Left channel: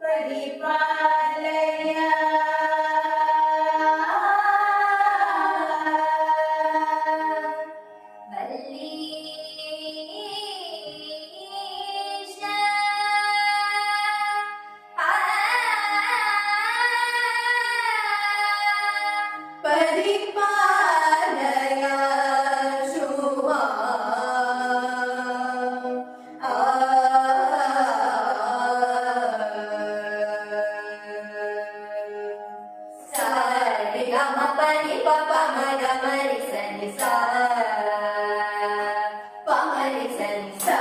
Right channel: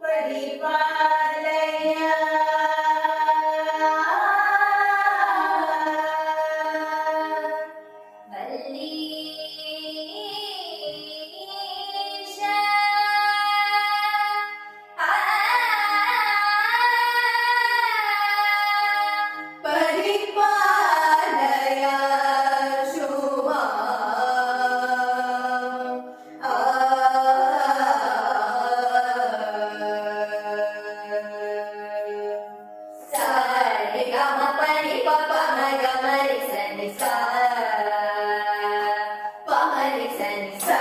परिपालय परिपालय शुमा सरि ग म प नि प प म ग म रि स नि सा प म रि स नि सा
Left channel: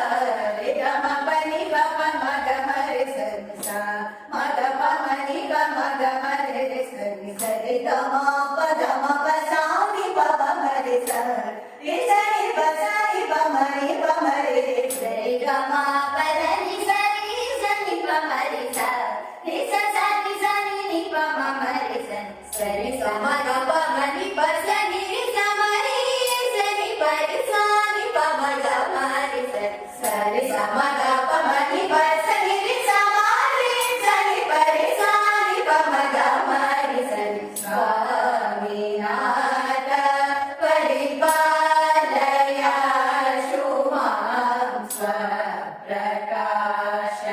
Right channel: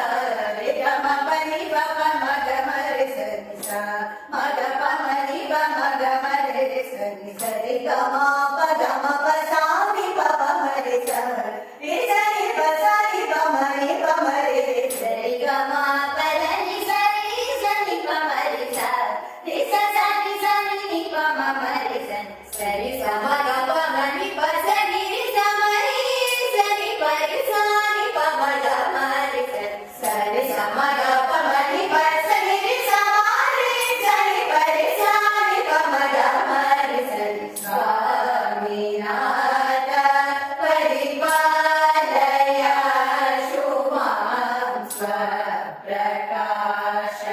रि ग म प नि प प म ग म रि स नि सा म ग प म नि प म ग म रि स नि ಸ रि ಗ म प ग म प सा नि प ಪ म रि ಸ रि ಸ ನಿ ಪ ಸ ನಿ ಪ ಮ ನಿ ಪ ಮ ರಿ ಸ ರಿ ಗ ಮ ಪ ದ नि ಸ ರಿ ಸ ನಿ ಪ ಮ ರಿ ಸ ರಿ ಸ ಸ ನಿ ಸ ನಿ ನಿ ಪ ಮ ಮ ರಿ ಸ ಸ ರಿ ಸ ಮ ಗ ಪ ಮ ನಿ ಪ ಸ ನಿ ರಿ ಸ ಮ ರಿ ಸ ನಿ ಪ ರಿ ಸ ನಿ ಪ ಮ ಗ ಮ ರಿ ಸ ಸ ರಿ ಸ ಮ ಗ ಪ ಮ ನಿ ಪ ಸ ನಿ ರಿ ಸ ಮ ರಿ ಸ ನಿ ಪ ರಿ ಸ ನಿ ಪ ಮ ಗ ಮ ರಿ ಸ ರಿ ಸ್ವಾಮಿನಾಥ ಪರಿಪಾಲಯ ಶುಭಾಂ ಸ್ವಪ್ರಕಾಶ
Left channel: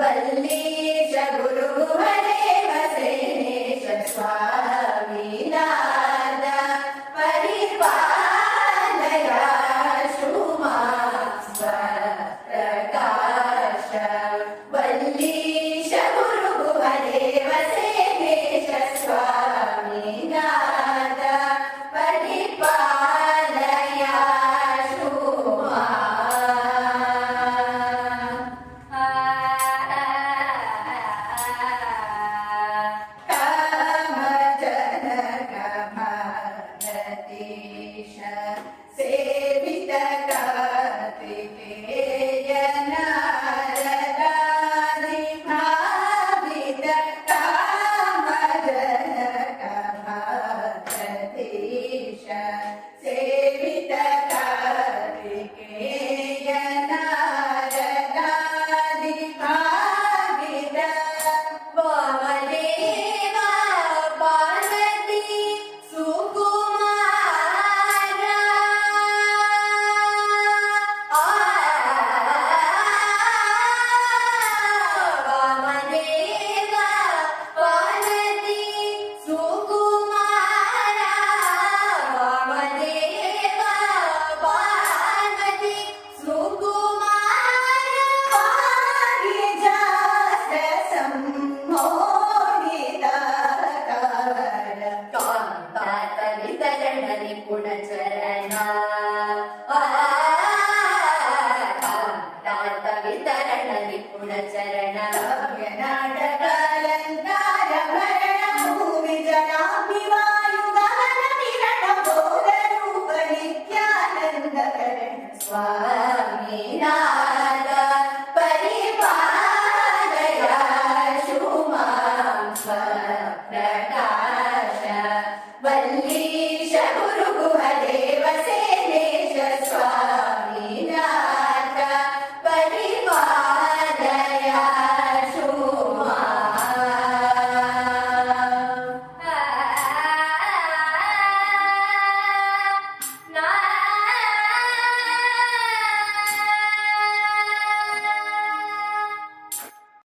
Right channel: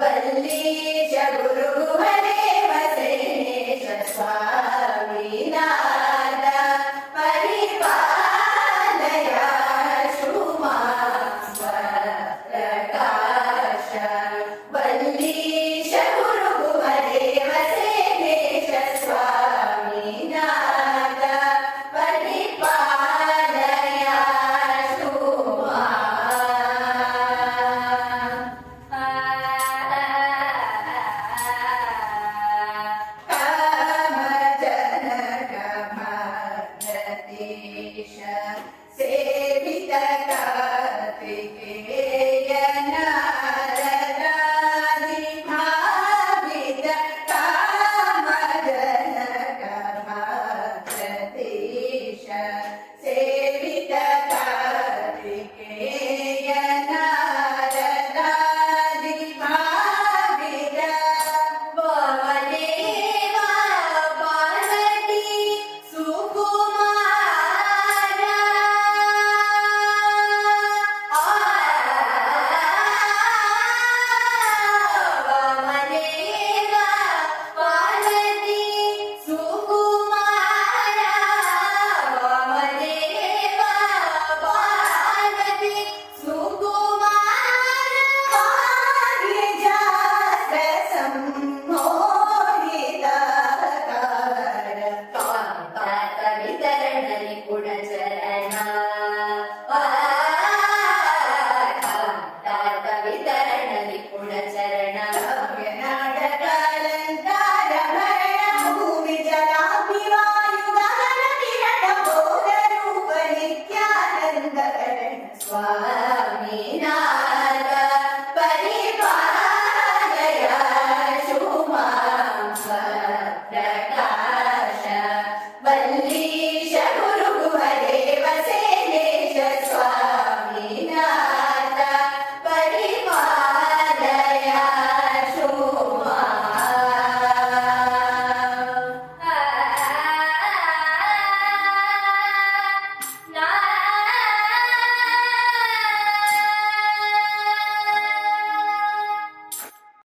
ವಲ್ಲೀಶ ಗುರು ಹರೇ ವಸೇಶ ಸ್ವಾಮಿನಾಥ ಪರಿಪಾಲಯ ಶುಭಾಂ ಸ್ವಪ್ರಕಾಶ ವಲ್ಲೀಶ